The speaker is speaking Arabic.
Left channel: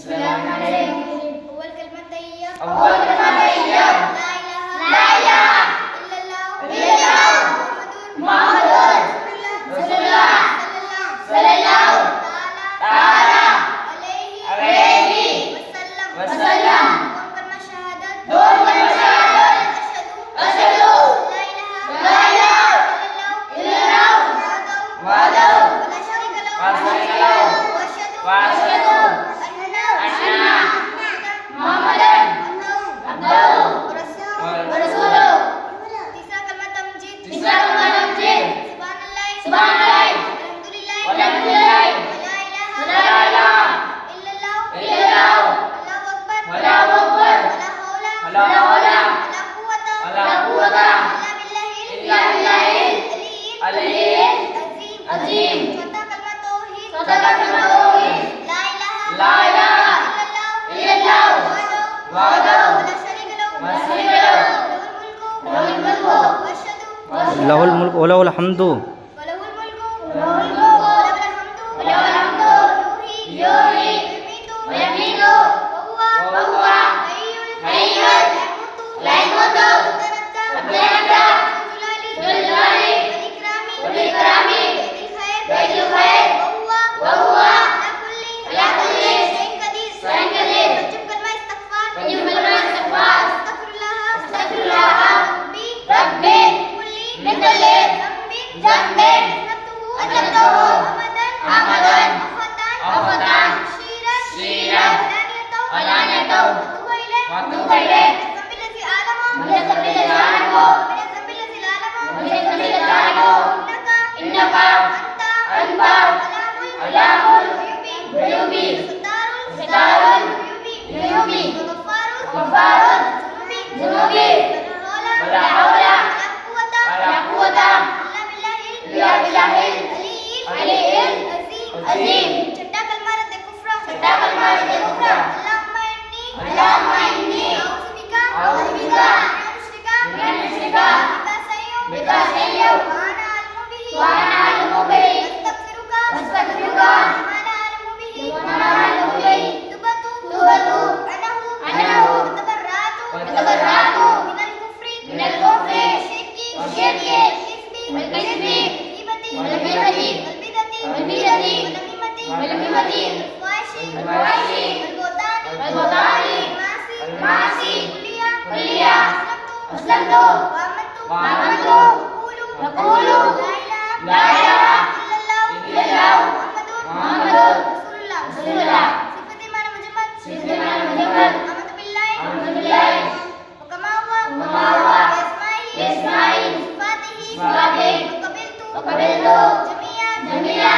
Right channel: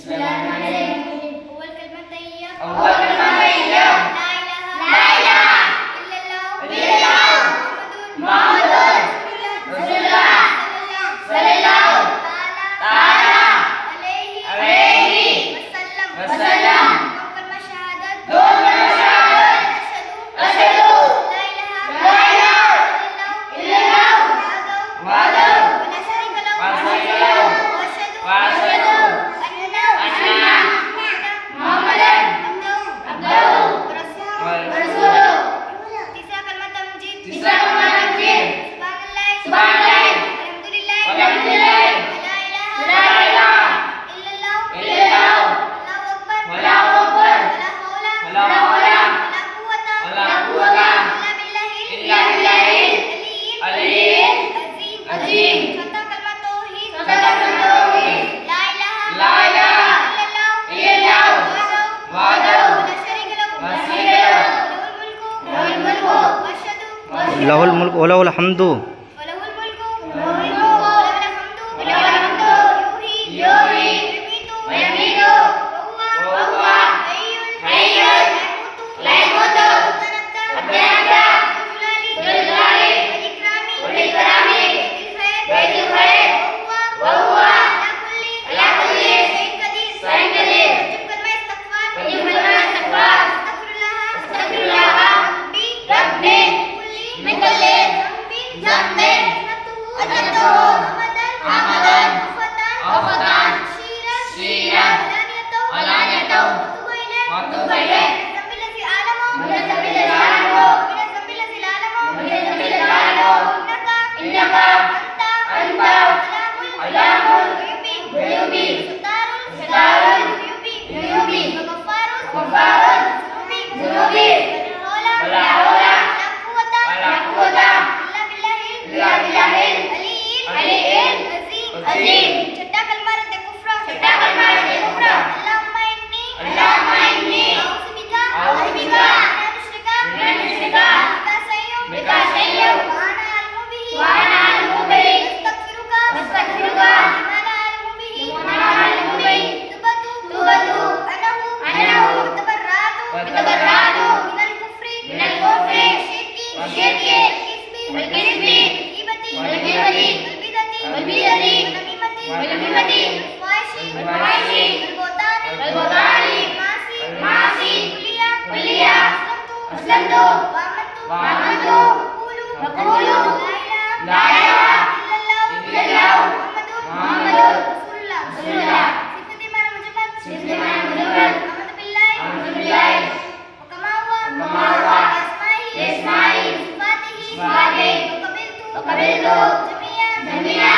Bismillahirrahmanirrahim. أول كلمة طيب. أول كلمة طيب. لا إله إلا إلا الله الله. محمد رسول الله. صلى الله تعالى عليه وسلم. كلمة شهادة. دون كلمة شهادة. أشهد لا إله إلا الله وحده ولا شريك له. وأشهد أن محمدا عبده ورسوله. تسعة كلمة تمجيد. تسعة كلمة تمجيد. سبحان الله. سبحان الله. والحمد لله. ولا إله إلا الله. إلا الله. الله أكبر. الله أكبر. ولا حول ولا حول ولا قوة ولا قوة إلا بالله العلي العظيم. ستة كلمة توحيد. ستة كلمة توحيد. لا إله إلا الله وحده ولا شريك له. ولا شريك له. له الملك وأشهد له الملك وله الحمد وله الملك وله الحمد يحيي ويميت وهو حي لا يموت. أبدانك بالجلال والإكرام بيد الخير وهو على كل شيء قدير. وجمع الاستغفار. أستغفر الله ربي من كل ذنب أذنبته عمدا أو خطأ شيرا علانيته وأتوب إليه. من الذنب الذي أعلمه ومن الذنب الذي لا أعلمه. إنك أنت علام الغيوب وستار الغيوب وغفار الذنوب. ولا حول ولا قوة إلا بالله العلي العظيم. छठा कलमा रद्द कुफ्र. छठा कलमा रद्द कुफ्र. अल्लाहुम्मा इन्नी अल्लाहुम्मा इन्नी अऊज़ु अऊज़ु बिका बिका मिन मिन अश्रिका बिका सय्यु वाना अलमु बिही अस्तगफिरुका वमा अअलमु बिही तुबतु अनहु तबर्रातु मिनल कुफ्री والشرك والكذب والغيبة والبدعة والنميمة والفحش والبهتان والمعاصي كلها. أسلمت وآمنت وأقول لا إله إلا الله محمد رسول الله. صفة معنى مجمد. آمنت بالله وكما وما هو بأسمائه بأسمائه وصفاته وصفاته وقبلت جميع